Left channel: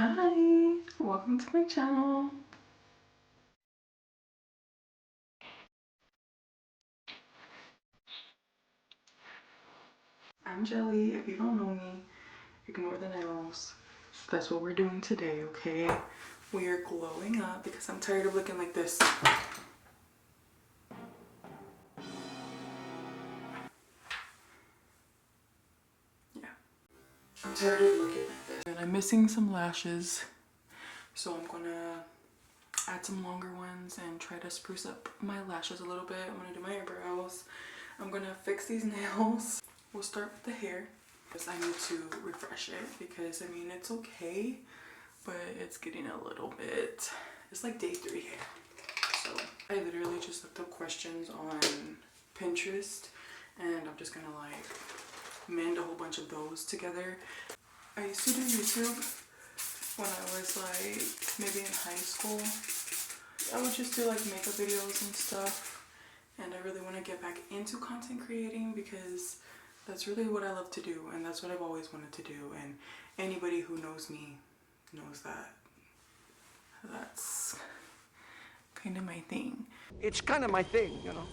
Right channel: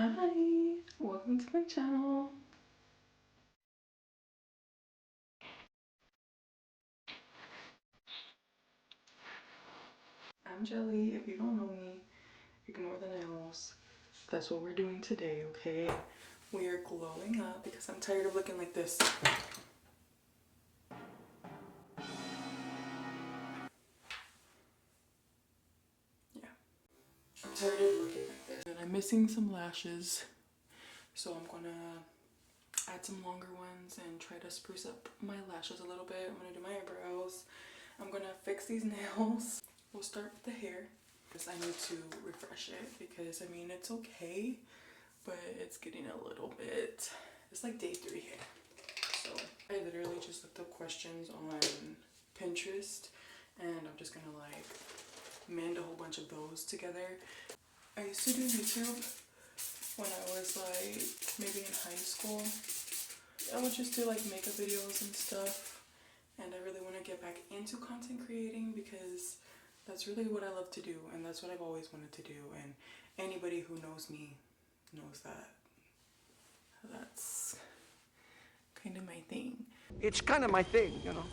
Hi, welcome to my channel. I'm Jelly. If you don't know me, ignore the nails. That's what we're doing today, okay? We are glowing up because I'm tired of looking like this. Yeah, I'm tired of looking like this. And I'm missing some lashes, so I'm gonna add some longer ones and try to spruce up my lashes a little bit. I'm gonna do my eyebrows. I'm gonna fix these nails. We'll start with the hair. I need to refresh it because, I mean, it's okay, but it's getting a little bit, it's like day 3 here. So I literally just looked up questions on Pinterest and I'm just gonna like mend a whole bunch of those together. I used to do YouTube when I was like maybe in high school. I would just do like makeup videos and stuff, and I really want to get back into content creating because that's really what I love to do, and that's what I've always wanted to do. And anybody who knows me knows that that's kind of my thing. It's kind of my thing, you know.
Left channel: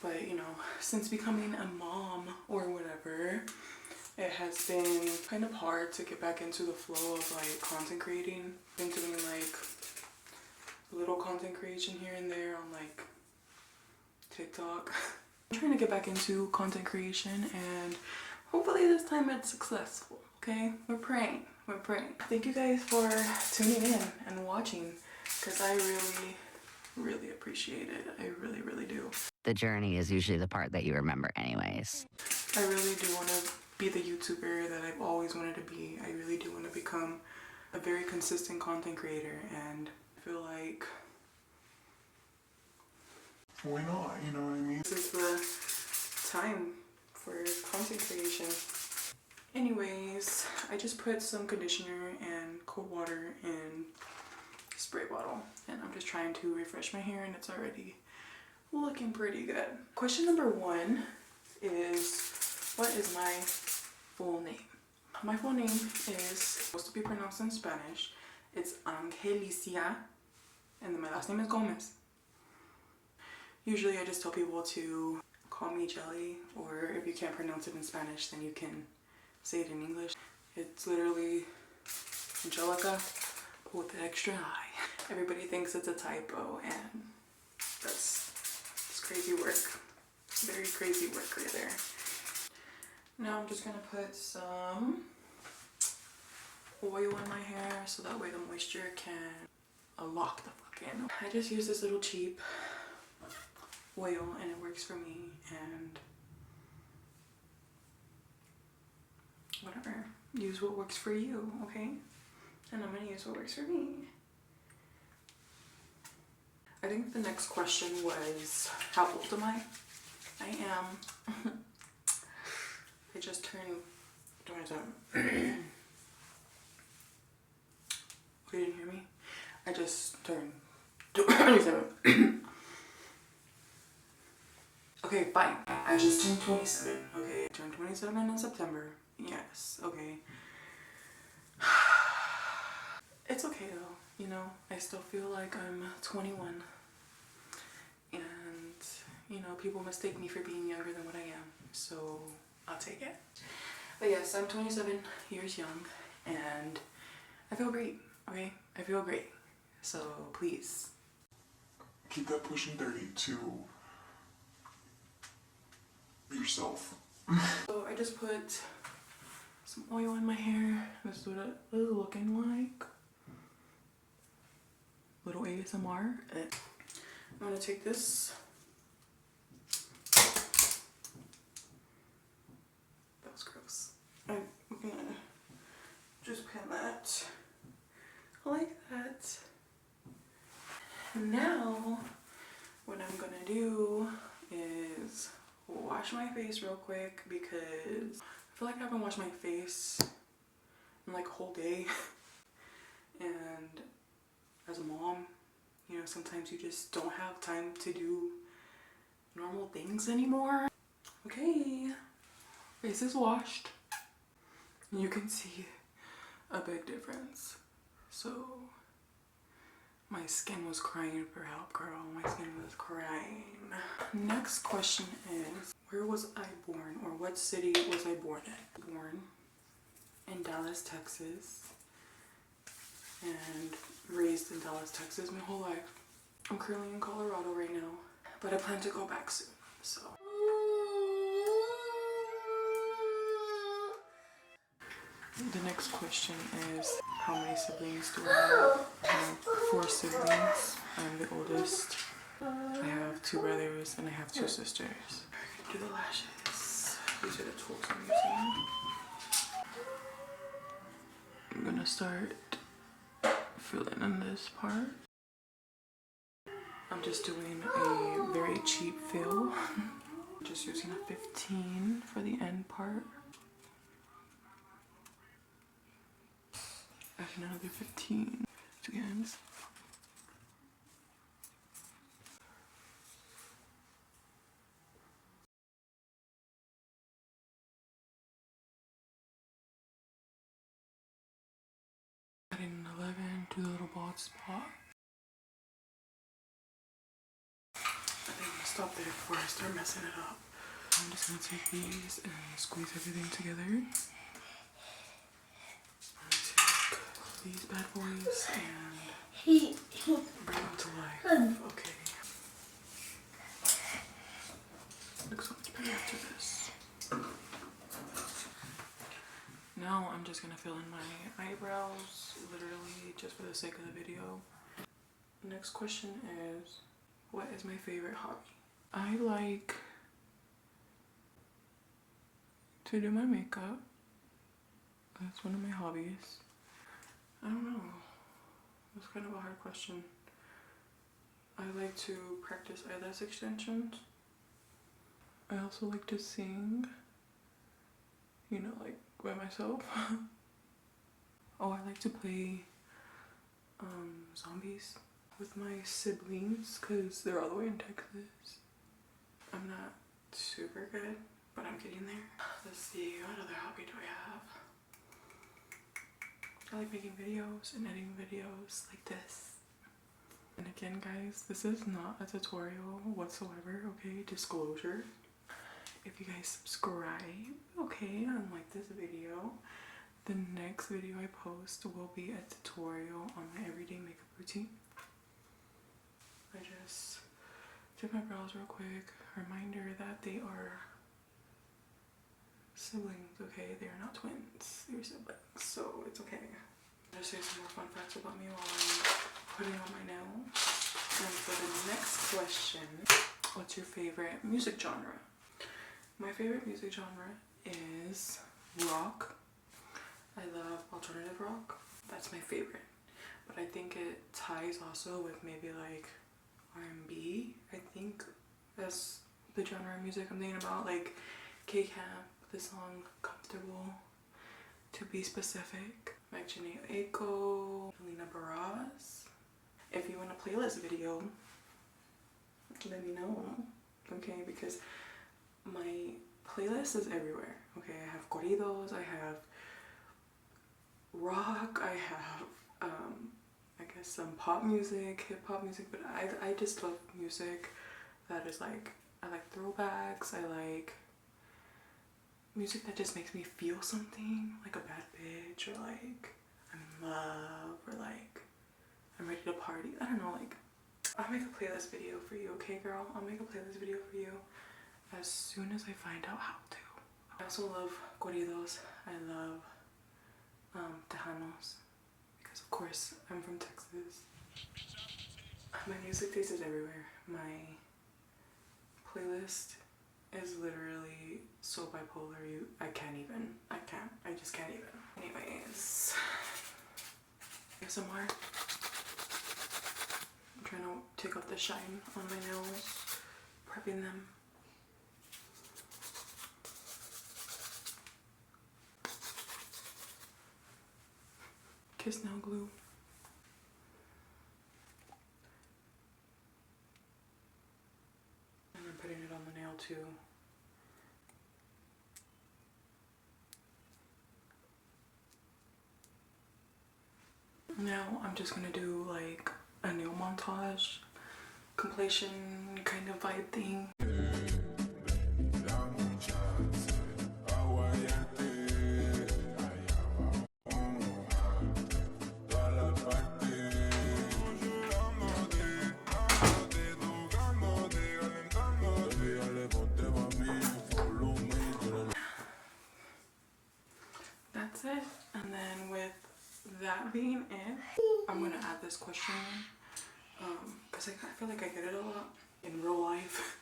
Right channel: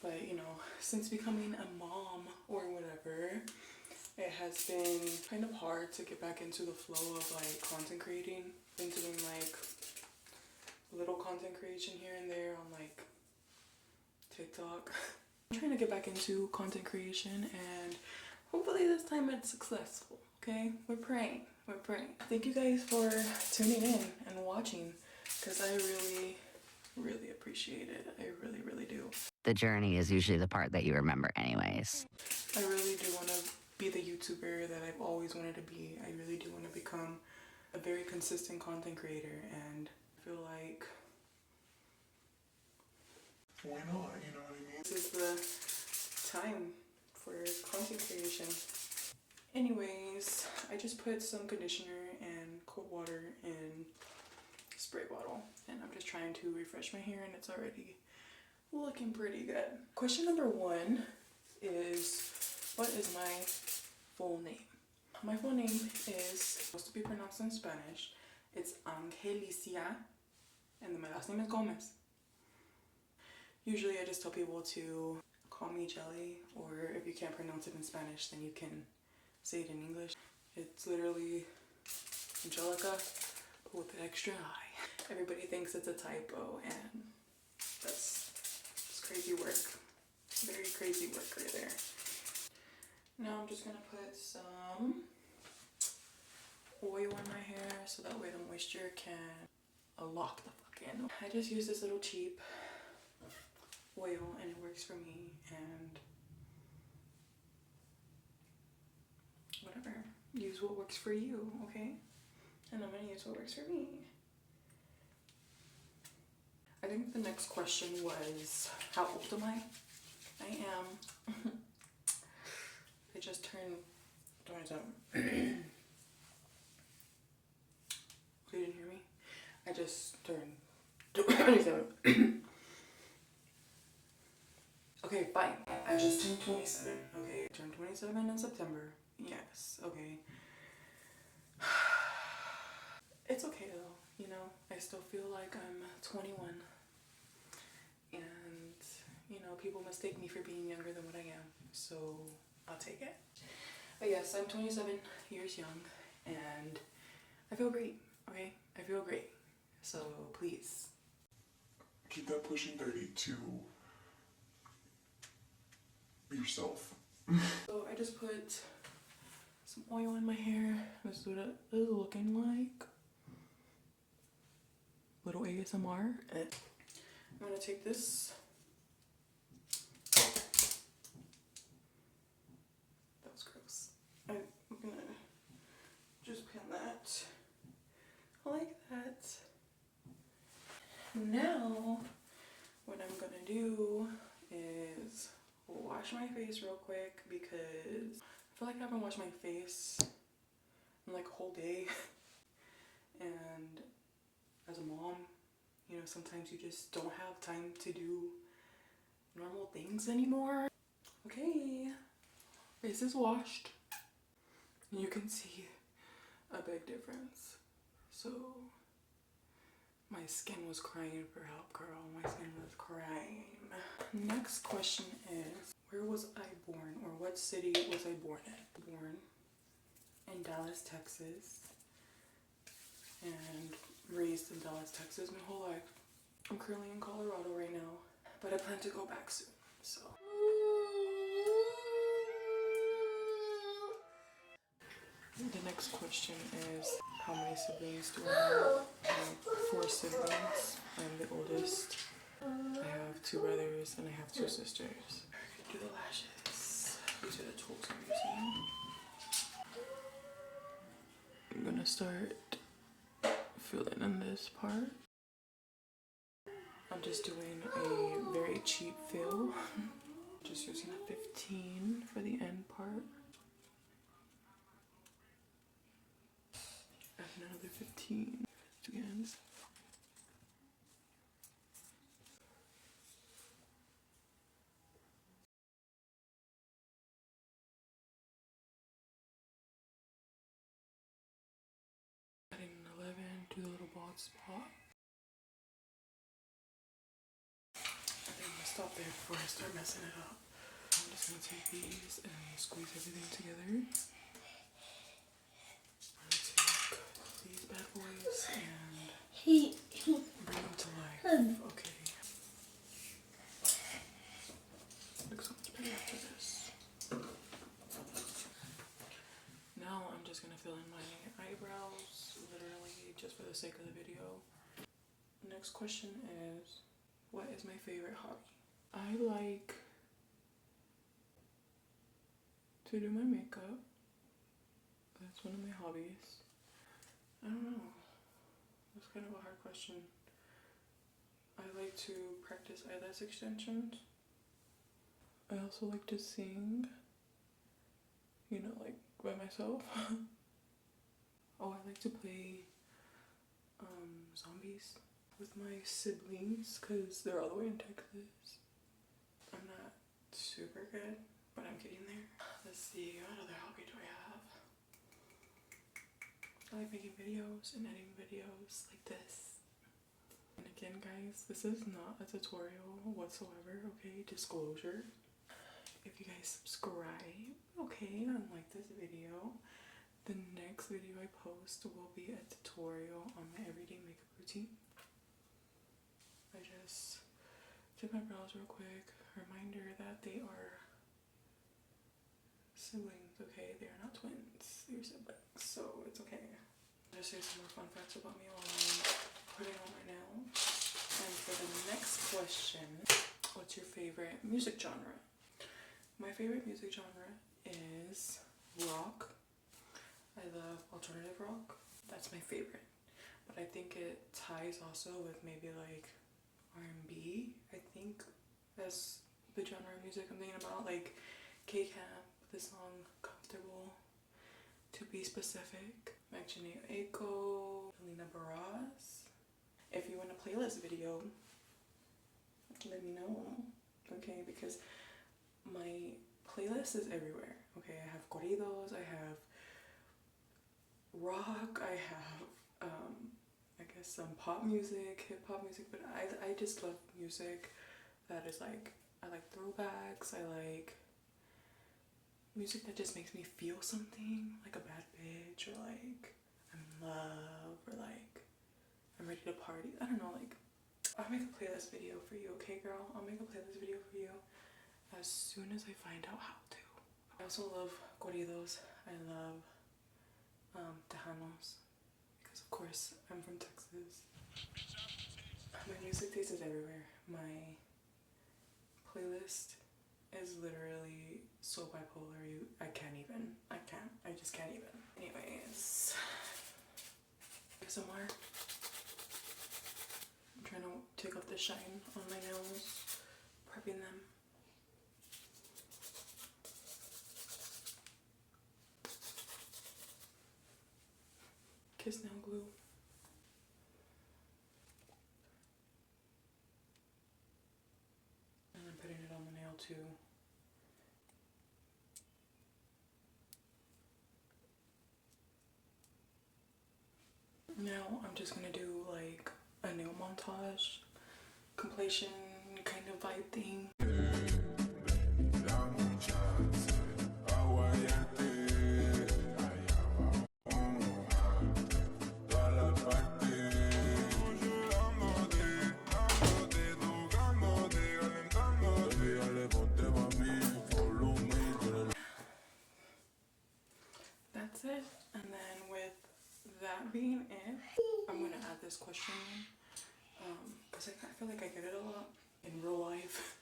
But you know, since becoming a mom or whatever, it has been kind of hard to get back into the flow of like content creating. I've been doing like little content creation here and there on like TikTok. I'm trying to get back into content creation and hopefully this time it's successful, okay? We're praying. Thank you guys for tuning in and watching because I really appreciate it. I really do. The journey is usually the part that you remember anyways. I really do want to be the YouTuber that I've always wanted to be. I really do want to become a very consistent content creator, and I feel like why not? You know what I mean? This is the time for content creation. Anyways, I just put some conditioner and cold water in a spray bottle, and I'm just trying to refresh my hair, and it's already looking pretty good. Question number 1 is, what is my full name? My full name is supposed to be pronounced in Spanish. It's Angelicia, and then my last name is Gomez. Usually I just tell people to call me Jelly, or if you can't pronounce it in Spanish, then you can say it in English. It's literally Angelica with the extra I. Everybody thinks it's a typo, and that's crazy work. Very crazy work right there. Now I'm just gonna put some oil in my hair so that way the moisture can lock the fuck in. I just use this little cheap oil and it works for me, and whatever, use what works for you, okay? And I'm gonna use what works for me. I think the next question was, how old am I? I am I just turned 27. You didn't hear me? I just turned 27. Okay, fine. I just turned 27. Okay, I turned 27 in September. Yes, okay. It's okay though, you know. I still feel like I'm 21. And, you know, people mistake me for being younger than what I am. So, I'll take it. But yes, I'm 27 years young. And I feel great, okay? I feel great. So, please. Keep that pushing 30 to yourself. So I just put some oil in my hair. This is what it is looking like. Little ASMR. I'm gonna take this. That was gross. I'm gonna just pin that like that. Now, what I'm gonna do is wash my face real quick because I feel like I haven't washed my face in like a whole day. And as a mom, you know, sometimes you just don't have time to do normal things anymore. Okay, face is washed. You can see a big difference. So my skin was crying for help, girl. My skin was crying. Next question is, where was I born, or what city was I born in? Born in Dallas, Texas, and raised in Dallas, Texas my whole life. I'm currently in Colorado right now, but I plan to go back soon, so. The next question is, how many siblings do I have? I have 4 siblings. I'm the oldest. I have 2 brothers and I have 2 sisters. Do the lashes. These are the tools I'm using. I'm gonna start filling in this part. I'm just doing a very cheap fill. Just using a 15 for the end part. And another 15 to the ends. Adding an 11 to the little bald spot. I think I'm gonna stop there before I start messing it up. I'm just gonna take these and squeeze everything together. I'm gonna take these bad boys and bring them to life. Okay. Looks so much better after this. Now I'm just gonna fill in my eyebrows, literally just for the sake of the video. Next question is, what is my favorite hobby? I like to do my makeup. That's one of my hobbies. I don't know. It's kind of a hard question. I like to practice eyelash extensions. I also like to sing. You know, like by myself. Oh, I like to play zombies with my siblings because they're all the way in Texas. I'm not super good, but I'm getting there. Let's see, what other hobby do I have? I like making videos and editing videos like this. And again, guys, this is not a tutorial whatsoever, okay? Disclosure. If you guys subscribe, okay, and like this video, the next video I post will be a tutorial on my everyday makeup routine. I just did my brows real quick. Reminder that they are siblings, okay? They are not twins. They're siblings, so it's okay. I'll just say some more fun facts about me while I'm putting on my nails. And for the next question, what's your favorite music genre? My favorite music genre is rock. I love alternative rock. That's my favorite. But I think it ties also with maybe like R&B. I think that's the genre of music I'm thinking about. Like K-Camp, the song Comfortable, to be specific. Magdalena Aiko, Helena Barras. If you want a playlist video, let me know. Okay, because my playlist is everywhere. Okay, I have corridos, I have rock, I have I guess some pop music, hip hop music, but I just love music that is like, I like throwbacks, I like music that just makes me feel something, like a bad bitch, or like I'm in love, or like I'm ready to party. I don't know, like I'll make a playlist video for you, okay girl? I'll make a playlist video for you as soon as I find out how to. I also love corridos. I love Tejanos, because of course I'm from Texas. My music taste is everywhere. My playlist is literally so bipolar, I just can't even. Anyways, ASMR. I'm trying to take off the shine on my nails, prepping them. Kiss nail glue. And I'm putting it on the nail too. Now I'm just gonna do like a nail montage, completion kind of vibe thing. That's it. And then with that being it, I'm gonna add this question because I feel like I get it a lot in real life.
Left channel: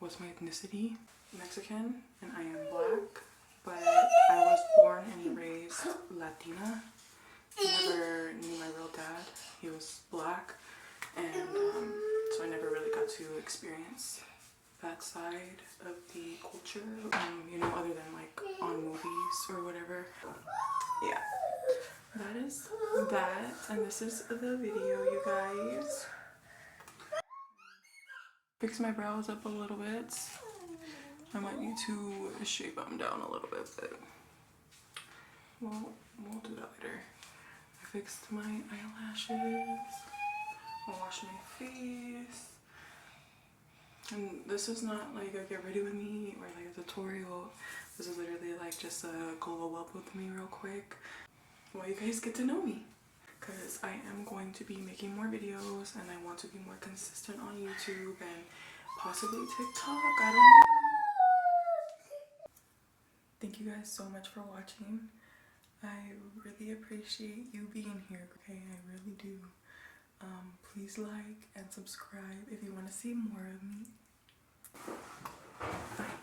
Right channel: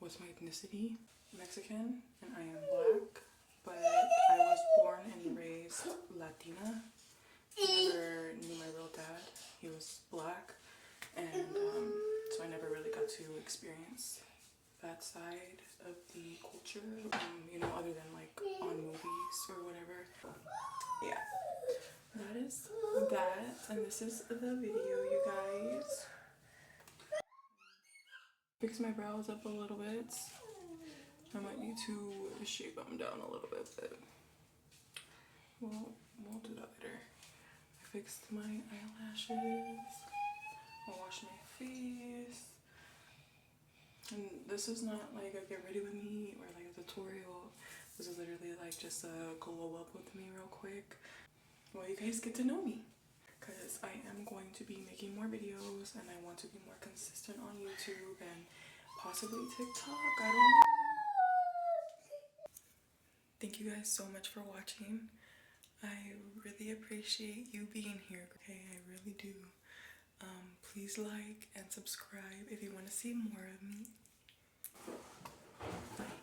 What's my ethnicity? Mexican, and I am black, but I was born and raised Latina. I never knew my real dad. He was black, and so I never really got to experience that side of the culture, you know, other than like on movies or whatever. Yeah, that is that, and this is the video, you guys. Fix my brows up a little bit. I might need to shape them down a little bit, but we'll do that later. I fixed my eyelashes. I'll wash my face. And this is not like a get ready with me or like a tutorial. This is literally like just a go up with me real quick while you guys get to know me. Because I am going to be making more videos and I want to be more consistent on YouTube and possibly TikTok. I don't know. Thank you guys so much for watching. I really appreciate you being here, okay? I really do. Please like and subscribe if you want to see more of me. Bye.